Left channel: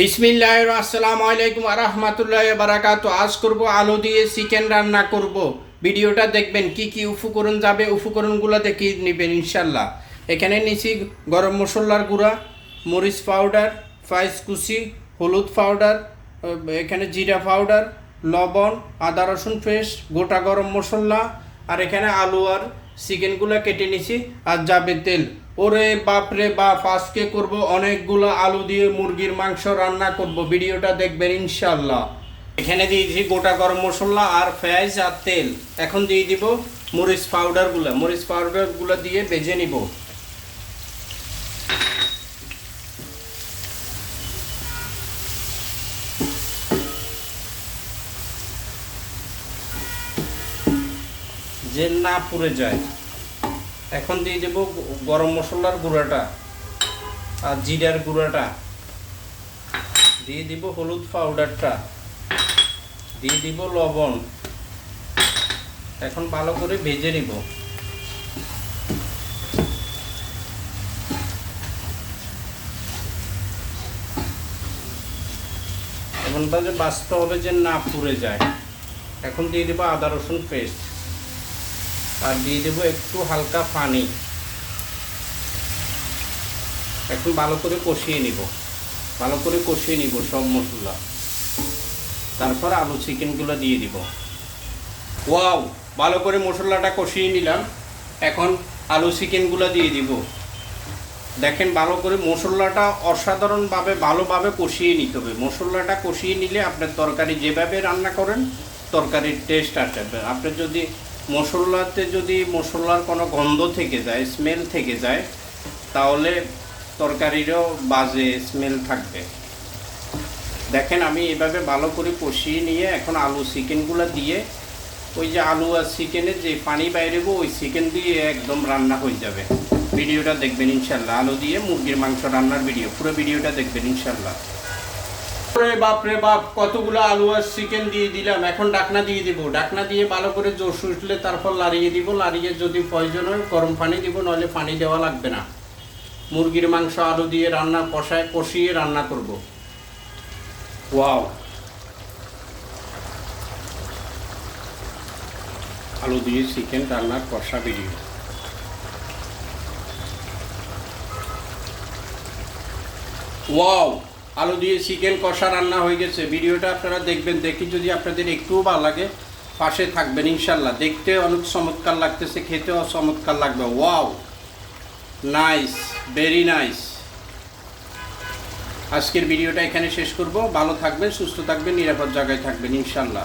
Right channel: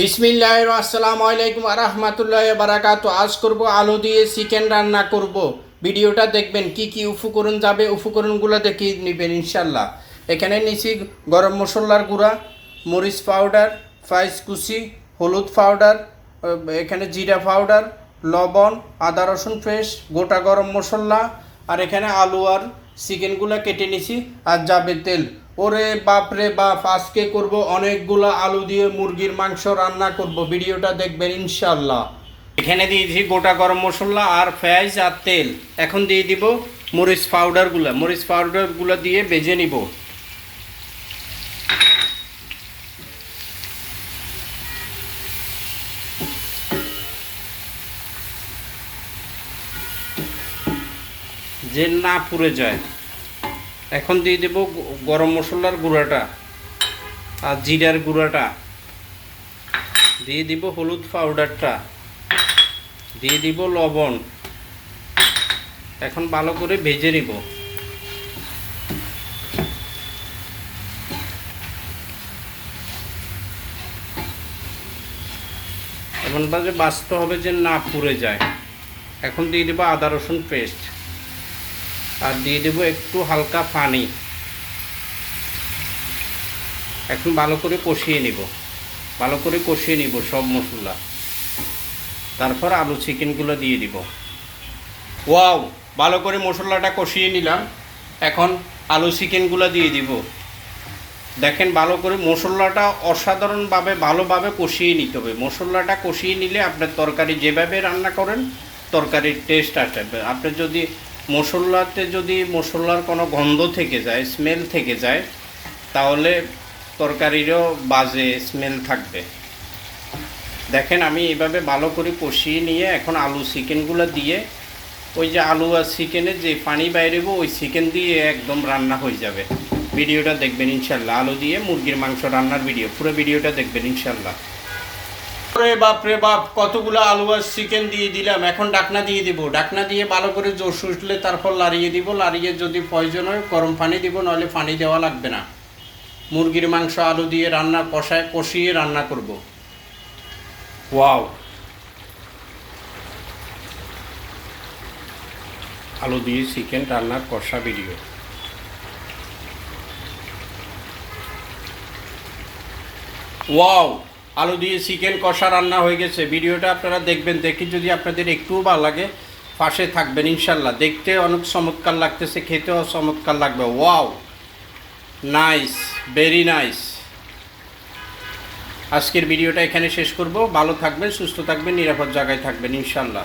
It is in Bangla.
বিসমিল্লাহির আসসালামু আলাইকুম রাহমাতুল্লাহি ওয়া বারাকাতু। আজ করব আলু দিয়ে চিকেন রান্না করব। ভিডিওটা দেখবেন কি কি উপকরণ যাবে, উপকরণগুলো দেখে নেবেন ইনশাল্লাহ। এখানে নিছি গরম মশলার গুঁড়া, মরিচ পাউডার, ফ্রাইস কুচি, হলুদ পাউডার, এখানে জিরা পাউডার, লবণ, আদা রসুন পেস্ট, গোটা গরম মশলা, আর এখানে আলু আর চিকেনগুলো কেটে নিছি, আর যাবে তেল। ওরে বাপরে বাপ, আজকে করব অনেকগুলো আলু দিয়ে মুরগির মাংস রান্না করব। ভিডিওটা দেখবেন ইনশাল্লাহ। এখানে দিয়েছি গোটা গরম মশলা আর পেঁয়াজ আর তেল। এখন দিয়ে দিব মরিচ পাউডারগুলো দিয়ে ভেজে নিব। যে না পুড়ে যায়। এখন দিয়ে দেব গরম মশলার গুঁড়াটা আর জিরার গুঁড়াটা, দিয়ে দিব হলুদ পাউডারটা, দিয়ে দিব লবণ। এখন ভালো করে ভেজে নিব। এখন বাজে বাঁচতে হবে যে না পুড়ে যায়। এখন দিয়ে দেবো আদা রসুন পেস্ট, আর দিয়ে দেবো একটু হালকা পানি। এখন ভালো করে কষিয়ে নিব সব মশলা। তারপর আলু চিকেনগুলো দিয়ে দিব। ওয়াও, ভালো করে মশলাটা কষিয়ে নিলাম। এখন আলু চিকেনগুলো দিয়ে দিব। দেখেন, ভালো করে মশলাটা অসাধারণভাবে ভালোভাবে কষিয়ে নিতে হবে। মশলাটা কষিয়ে নিলে আপনার তরকারি যেভাবে রান্না করেন তরকারির টেস্ট আসবে। আপনার যদি মশলার কোনো গন্ধ থেকে যায়, স্মেল থেকে যায়, তাহলে তরকারিরও বাজে স্মেল থাকবে। দেখেন, আমি এভাবে ভালো করে কষিয়ে নিয়ে এখন আলু চিকেনগুলো দিয়ে, ওই যে আলু আর চিকেনের যে পানি বাইরেব ওই চিকেন দিয়ে একদম রান্না হয়ে যাবে। ভিডিওটা দেখবেন ইনশাল্লাহ। আলু দিয়ে মুরগির মাংস রান্নার ভিডিও, পুরো ভিডিওটা দেখবেন ইনশাল্লাহ। বাপরে বাপ, কতগুলো আলু আর চিকেন দিয়ে দিলাম। এখন ডাকনা দিয়ে দিব। ডাকনা দিয়ে ভালো করে জোশ উঠলে তারপর লাড়িয়ে দিব। লাড়িয়ে যদি প্রয়োজন হয় গরম পানি দিব, নাহলে পানি দেওয়া লাগবে না। মুরগির মাংস আলু দিয়ে কষিয়ে রান্না করব। ওয়াও, আলু দিয়ে চিকেন রান্নার কষা ভিডিও। ওয়াও, আলু দিয়ে চিকেন কষা রান্না হয়ে গেছে। ভিডিওটা আপনারা দেখবেন। দেখি যদি আপনাদের একটুও ভালো লাগে পাশে থাকবেন ইনশাল্লাহ। দেখতে অনেক চমৎকার লাগতেছে, খেতেও চমৎকার লাগবে। Wow, nice, very nice. আজকের ভিডিওটা এখানে শেষ করব। ভালো থাকবেন, সুস্থ থাকবেন, নিরাপদ জায়গায় থাকবেন ইনশাল্লাহ।